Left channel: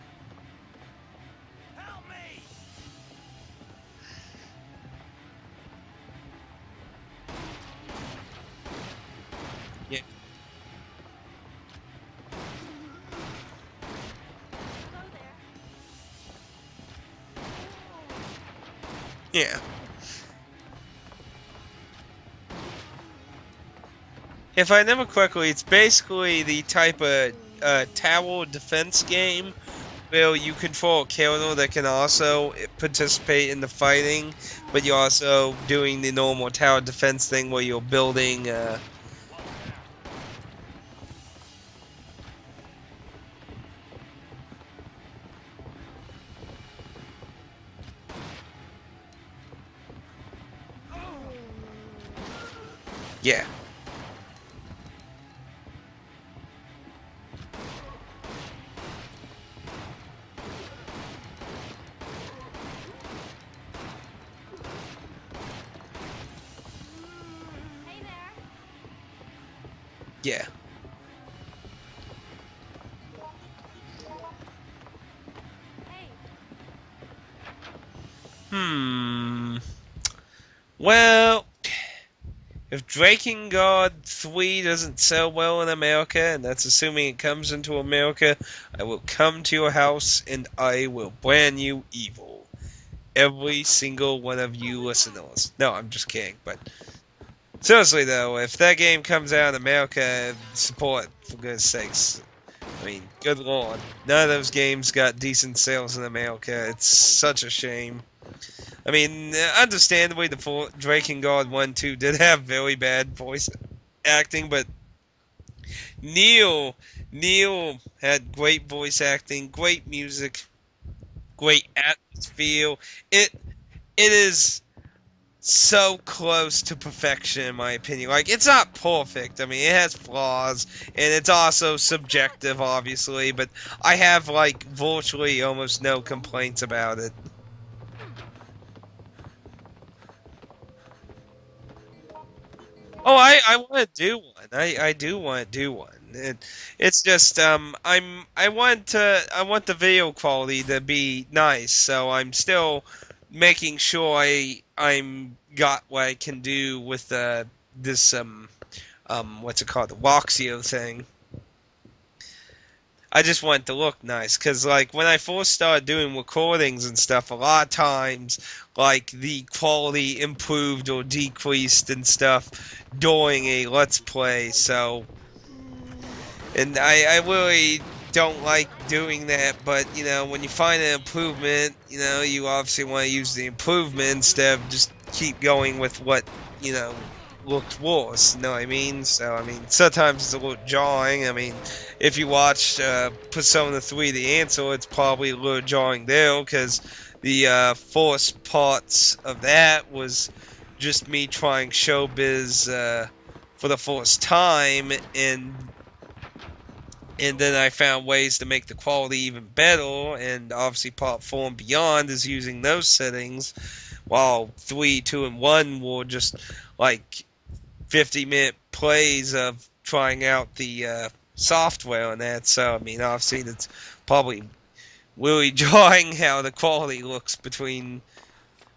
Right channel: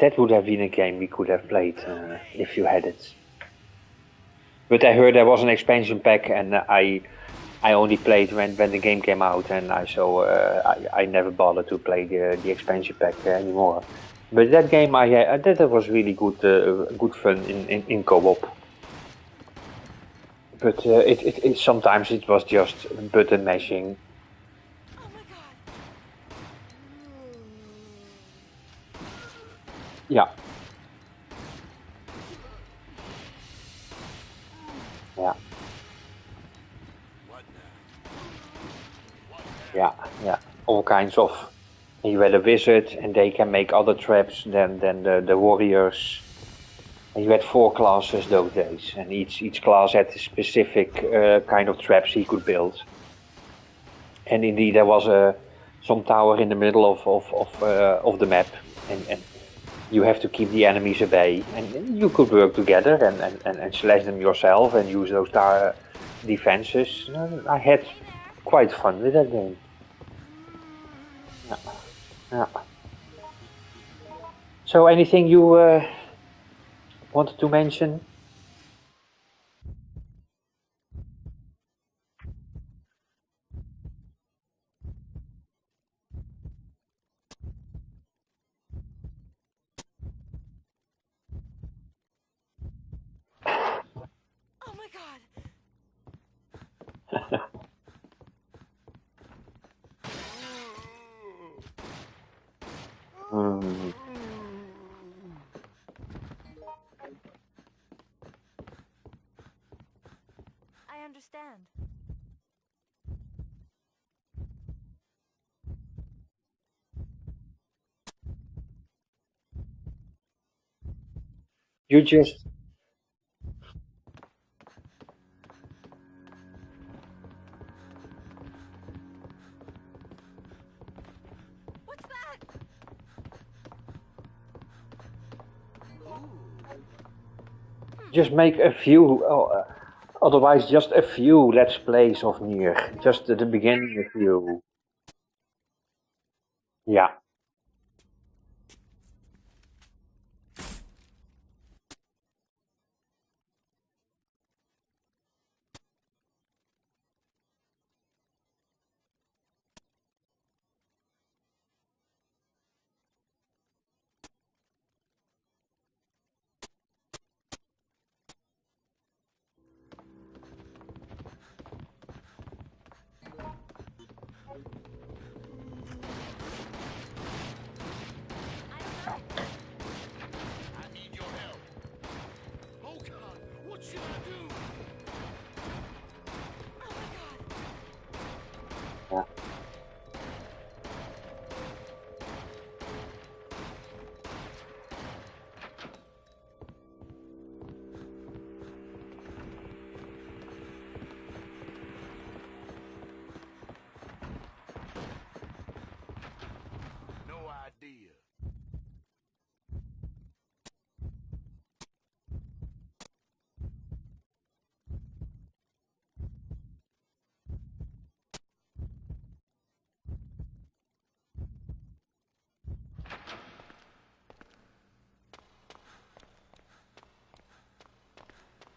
That would have been a game we could have played if you had it. But I heard there was an expansion pack, and I only played when the game came out, and Yeah. I never bothered to play the expansion pack anymore. But that game that was really good fun in co-op. Yeah. But it sometimes it was just button mashing. If I remember correctly, it's basically the type of tower defense game where you control a character that can also participate in the fighting, but you're also doing the normal tower defense thing where you're building. Yeah, all kinds of. You had a wizard, and they can make other traps than the warriors. And you had 4 classes those days, and each class had a specific kind of traps he could build. Yeah. And indeed, there was some tower in the middle of the map, and you have to keep the enemies at bay. And you could work together and slash them yourself and use those defenses. I had quite fun with that game. Yeah. Yeah. So, anything you wanted to mention? Well, if Drakengard 3 doesn't sell well in America, and that's assuming it comes into America, I will come to your house and I will brand you evil. Every single one of you listeners. No, I'm just kidding, but seriously though, if that game comes out in America, support, for goodness sakes. I mean, good lord. None of those games got decent sales in America. It's such a shame. I mean, understandably, the Drakengard 1 2 did have very bad voice acting, but Neil had great voice acting, great music, great atmosphere. It is so close to perfection, in my opinion. Like, it's not perfect. I mean, it has flaws, and it's also subjective, obviously, but I have, like, virtually almost no complaints about it. Just make a few, otherwise just a few Let's Plays of Nier. Just I want to do one. I do want to do one. It's just I want the video quality to be nice, so I'm still making sure I'm got what I can do with this what's it called, the Voxio thing. I just want it to look nice, because, like, when I first started doing recordings and stuff, a lot of times, like, the quality improved or decreased and stuff during a Let's Play, so... And I really don't like doing that, but, you know, when you find an improvement, you know, you obviously want to use the improvement instead of just keep going with what, you know, looked worse, you know what I mean? So, I mean, sometimes it's a little jarring. I mean, if you watch Persona 3 The Answer, it's probably a little jarring there, because the first parts of that was just me trying showbiz for the first time, and then I found ways to make the quality even better, and obviously Part 4 and Beyond is using those settings, while 3, 2, and 1 were just, like, 50-minute plays of trying out the software and that. So, I mean, obviously that's probably really jarring how the quality looks between,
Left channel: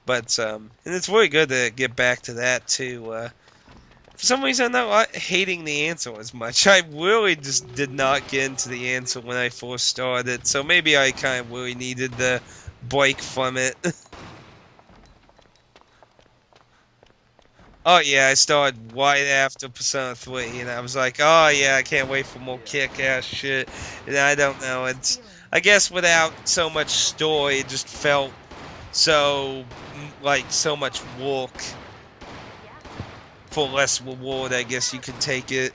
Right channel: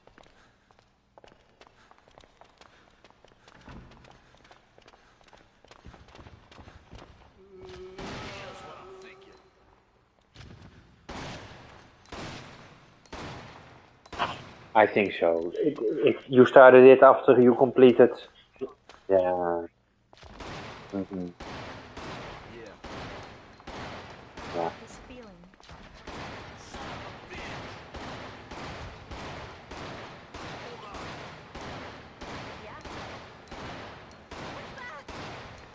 but and it's really good to get back to that too. For some reason, I'm not hating the answer as much. I really just did not get into the answer when I first started, so maybe I kind of really needed the break from it. I think so. You started it after you completed... Oh yeah, I started right after Persona 3, and I was like, oh yeah, I can't wait for more kick-ass shit. And I don't know, it's... I guess without so much story, it just felt so, like, so much work for less reward, I guess you could take it.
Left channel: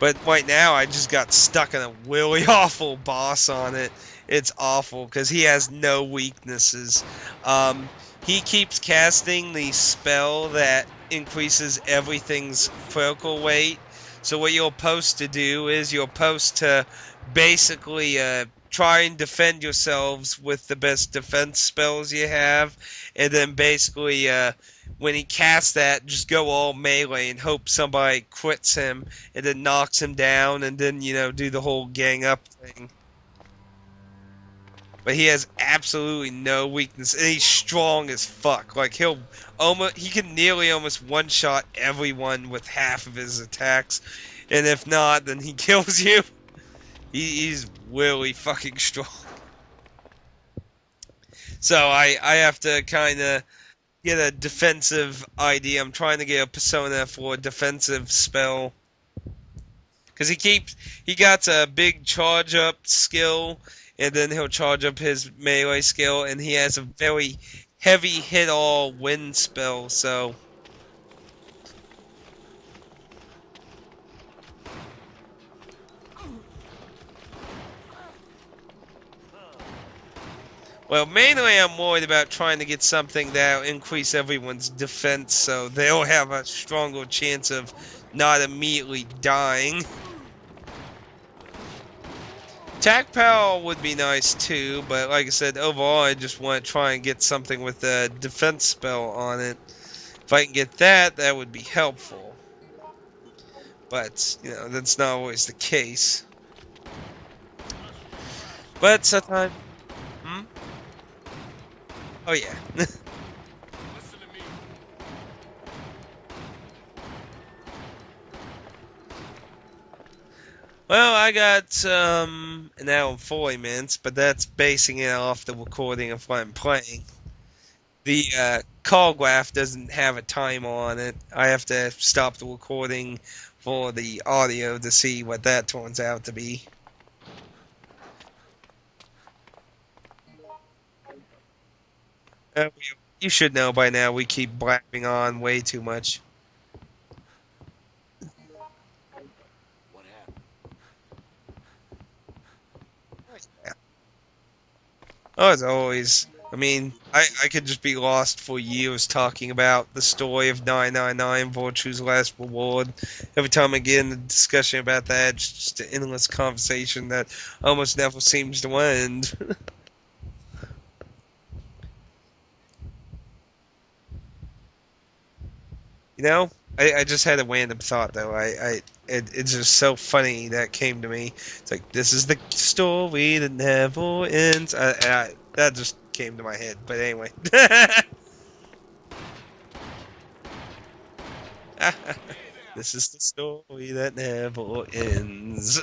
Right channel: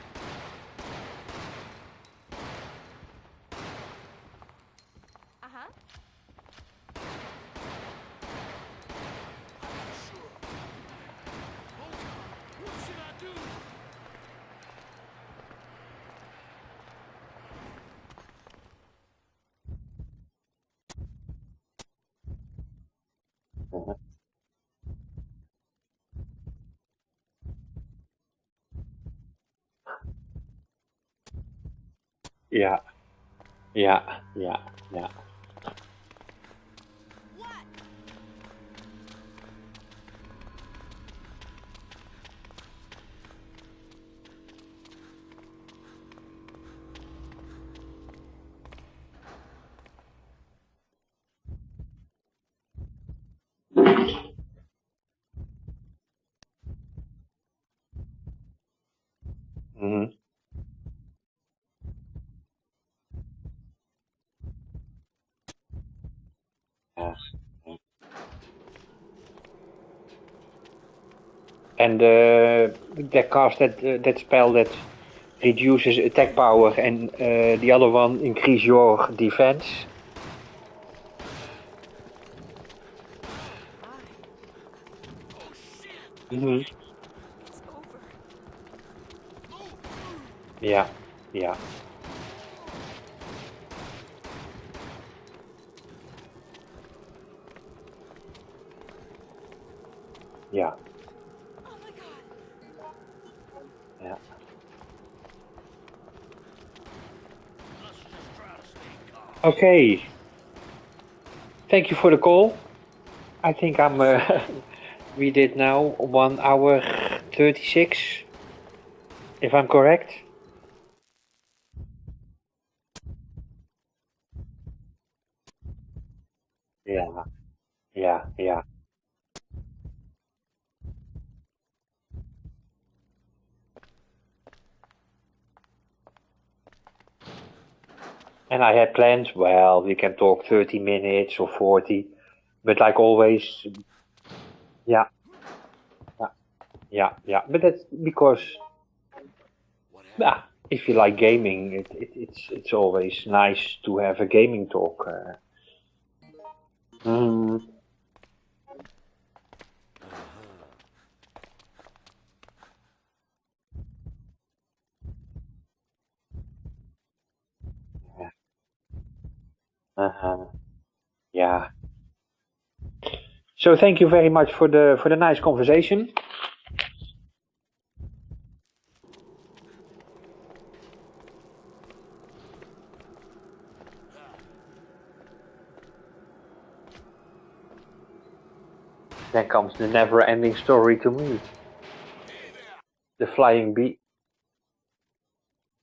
But right now, I just got stuck in a really awful boss on it. It's awful, because he has no weaknesses. He keeps casting the spell that increases everything's critical weight. So what you're supposed to do is you're supposed to basically try and defend yourselves with the best defense spells you have, and then basically when he casts that, just go all melee and hope somebody quits him and then knocks him down and then, do the whole gang up Yeah, thing. yeah, yeah, yeah. But he has absolutely no weakness, and he's strong as fuck. Like he can nearly almost one shot everyone with half of his attacks, and if not, then he kills you. He's really fucking strong. So I have to kind of get a defensive idea. I'm trying to get a persona for a defensive spell. Because he got a big charge up skill, and then he'll charge up his melee skill, and he has a very heavy hit all wind spell, so. And that cast that spell that reduces attack power, and the other one increase your defense. Well, mainly I'm worried about trying to get something that'll increase everyone's defense, so they'll have a stronger chance of not immediately dying. Yeah, yeah. Attack power would be nice too, but like I said, overall I just want to try and get something with a defense spell on it. If I can get that would be helpful. But, that's not always the case. But sometimes... Okay. Thank you for the call. Oh, yeah. I think we did now 1 hour 36, if I'm correct. Well, I got an hour and 40 minutes, but that's basing it off the recording of what I'm playing. The call graph doesn't have a timer on it. I have to stop the recording for the audio to see what that turns out to be. And I had planned, well, we can talk 30 minutes or 40, but like always... You should know by now, we keep blabbing on way too much. Yeah, but that's because, if you like gaming, it's always nice to have a gaming talk. Oh, as always. I mean, I could just be lost for years talking about the story of 999, Virtue's Last Reward. Every time I get in a discussion about that, it's just an endless conversation that almost never seems to end. Yeah. So thank you very much for the nice conversation. I just had a random thought though. It's just so funny that came to me. It's like, this is the story that never ends. That just came to my head. But anyway. Then comes the never-ending story to me. This is the flying bee that never ends.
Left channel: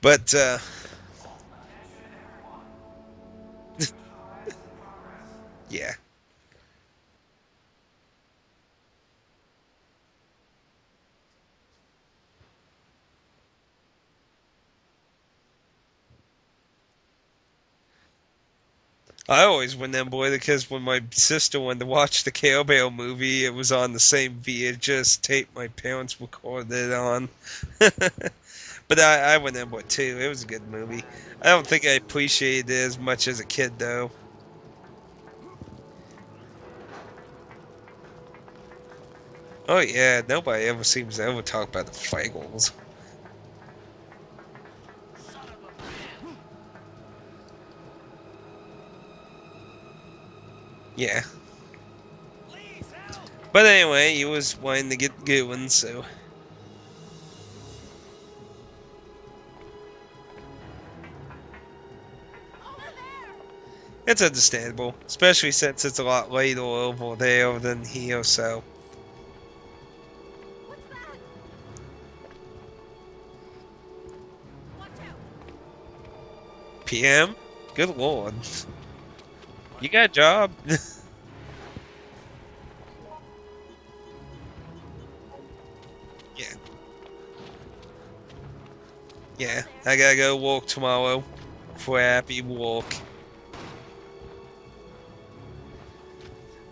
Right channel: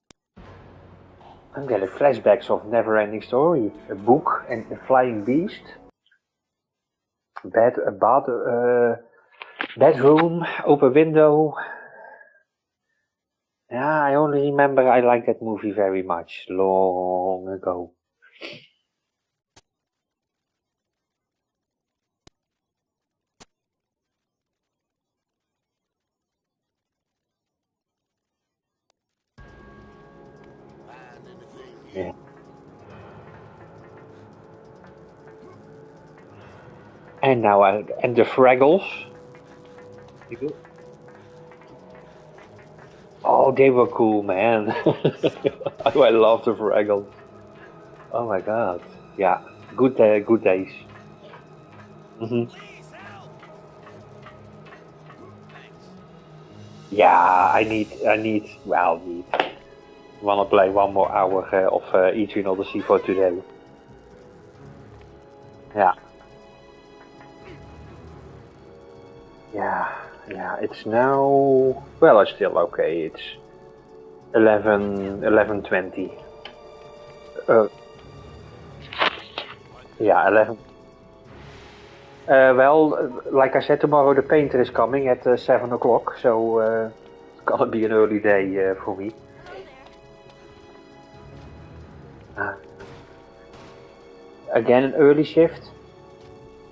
But I'm getting flashbacks of never-ending story. A book and a flying beast. Yeah. Bedroom, open window. Yeah, I only remember I liked that movie very much, long ago. I always remember because when my sister wanted to watch the Cowbell movie, it was on the same VHS tape my parents recorded it on. But I remember it too. It was a good movie. I don't think I appreciated it as much as a kid, though. And now, and the Fraggles. Oh yeah, nobody ever seems to ever talk about the Fraggles. Oh, they were cool, man. I love the Fraggles. Oh my god. Yeah, good days. Yeah. But anyway, he was wanting to get going, so. Yeah, I need. Wanna play 1 more hour of Eternal the Sea for today. It's understandable, especially since it's a lot later over there than here, so. Yeah, it's now... Well, it's still okay. It's 11:20 PM? Good lord. You got a job? Well, like I said, tomorrow the painter is coming at 7 o'clock, so it's gonna be an early day for me. Yeah, I gotta go walk tomorrow for a happy walk. Again, an early shift?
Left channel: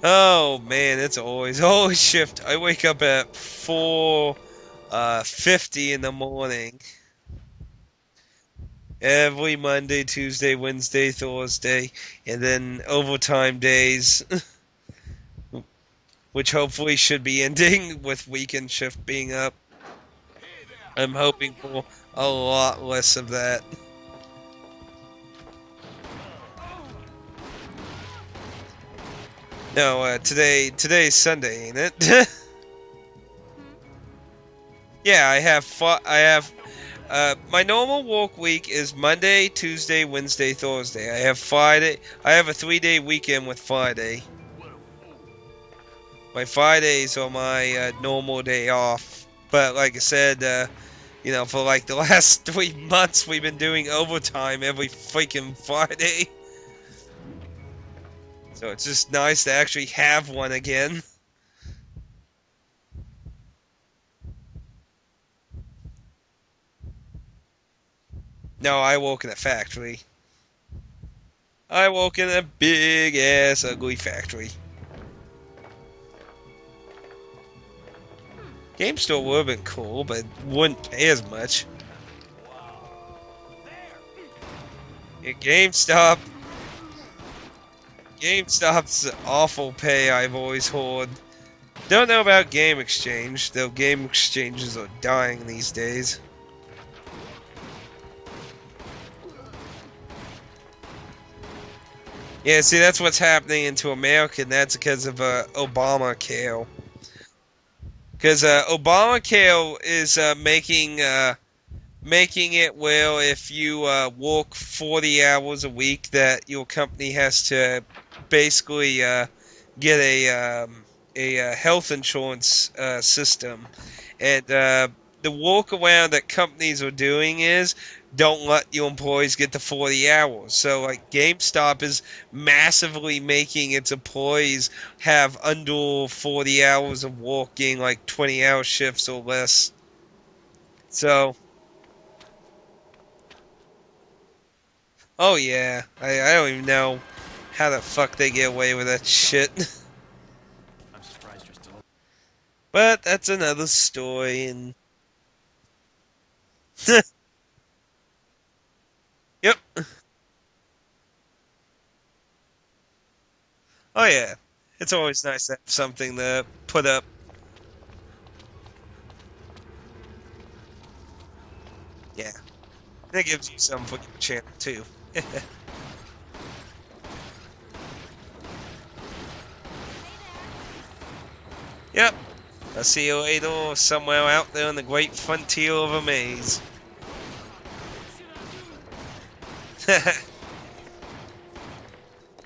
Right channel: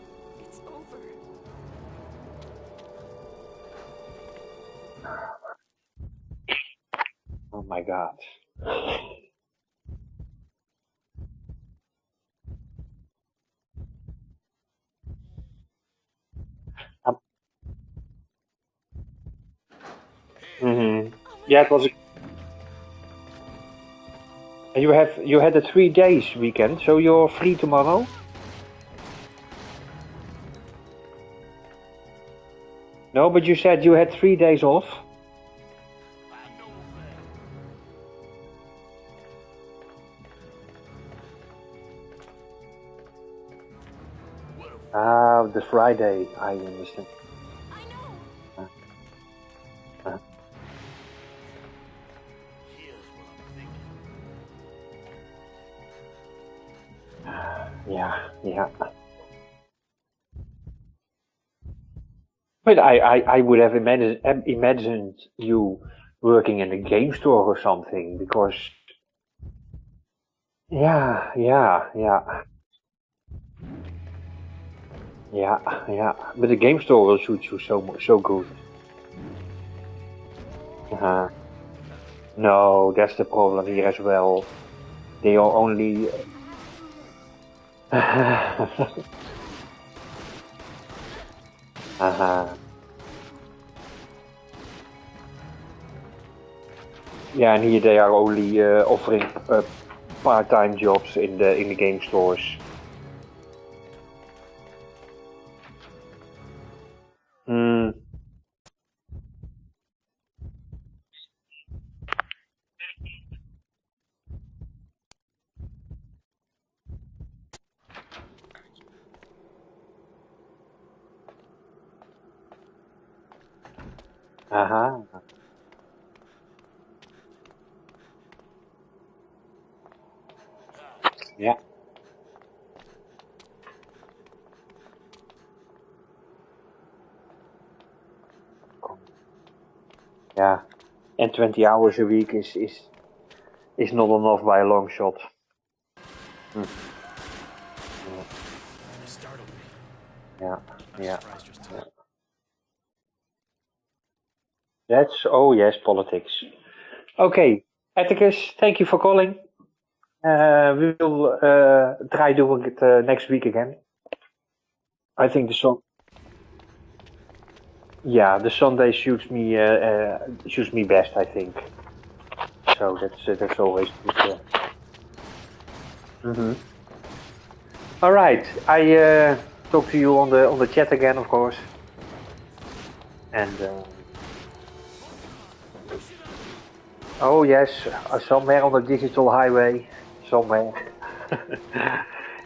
Oh man, it's always shift. I wake up at 4:50 in the morning. Oh my god. Every Monday, Tuesday, Wednesday, Thursday, and then overtime days, which hopefully should be ending with weekend shift being up. I'm hoping it was a lot less of that. And you had a 3 days weekend, so you're free tomorrow? No, today's Sunday, ain't it? No, but you said you had 3 days off. Yeah, I have my normal work week is Monday, Tuesday, Wednesday, Thursday. I have Friday. I have a 3-day weekend with Friday. Ah, the Friday. My Fridays are my normal day off. But like I said, you know, for like the last 3 months, we've been doing overtime every freaking Friday. Yeah. So it's just nice to actually have one again. But I would have imagined you working in a game store or something, because No, I work in a factory. yeah, I work in a big ass ugly factory. yeah. But the game store will suit you so good. Game store would have been cool, but wouldn't pay as much. No, that's the problem here as well. They are GameStop. GameStop's awful pay, I've always heard. Don't know about Game Exchange, though Game Exchanges are dying these days. Yeah, and here they are only offering part-time jobs in the game stores. Yeah, see, that's what's happening into America, and that's because of Obamacare. Because Obamacare is making it where if you work 40 hours a week, that your company has to basically get a health insurance system. And the workaround that companies are doing is don't let your employees get to 40 hours. So like GameStop is massively making its employees have under 40 hours of working, like 20-hour shifts or less. Yeah. So, and 20 hours a week is not enough by a long shot. oh yeah, I don't even know how the fuck they get away with that shit. Yeah. But that's another story. And Oh yes, politics. Okay, Atticus, thank you for calling. Yep. We will try doing it next week again. Oh yeah, it's always nice to have something to put up. Yeah, the Sunday suits me best, I think. Yeah. So that's always with your channel too. All right, I talk to you on the chat again, of course. Yep. I'll see you later, somewhere out there on the great frontier of a maze. Oh yes, somewhere on the digital highway, somewhere.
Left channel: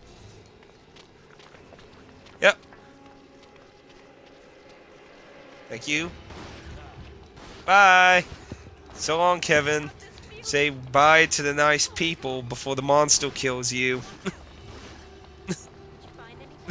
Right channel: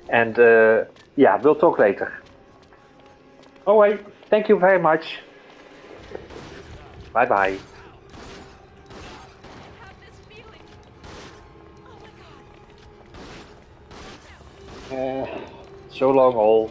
And yeah, we'll talk later. Yep. All right, thank you very much. Thank you. Bye-bye. Bye. So long, Kevin. Say bye to the nice people before the monster kills you. So long, all.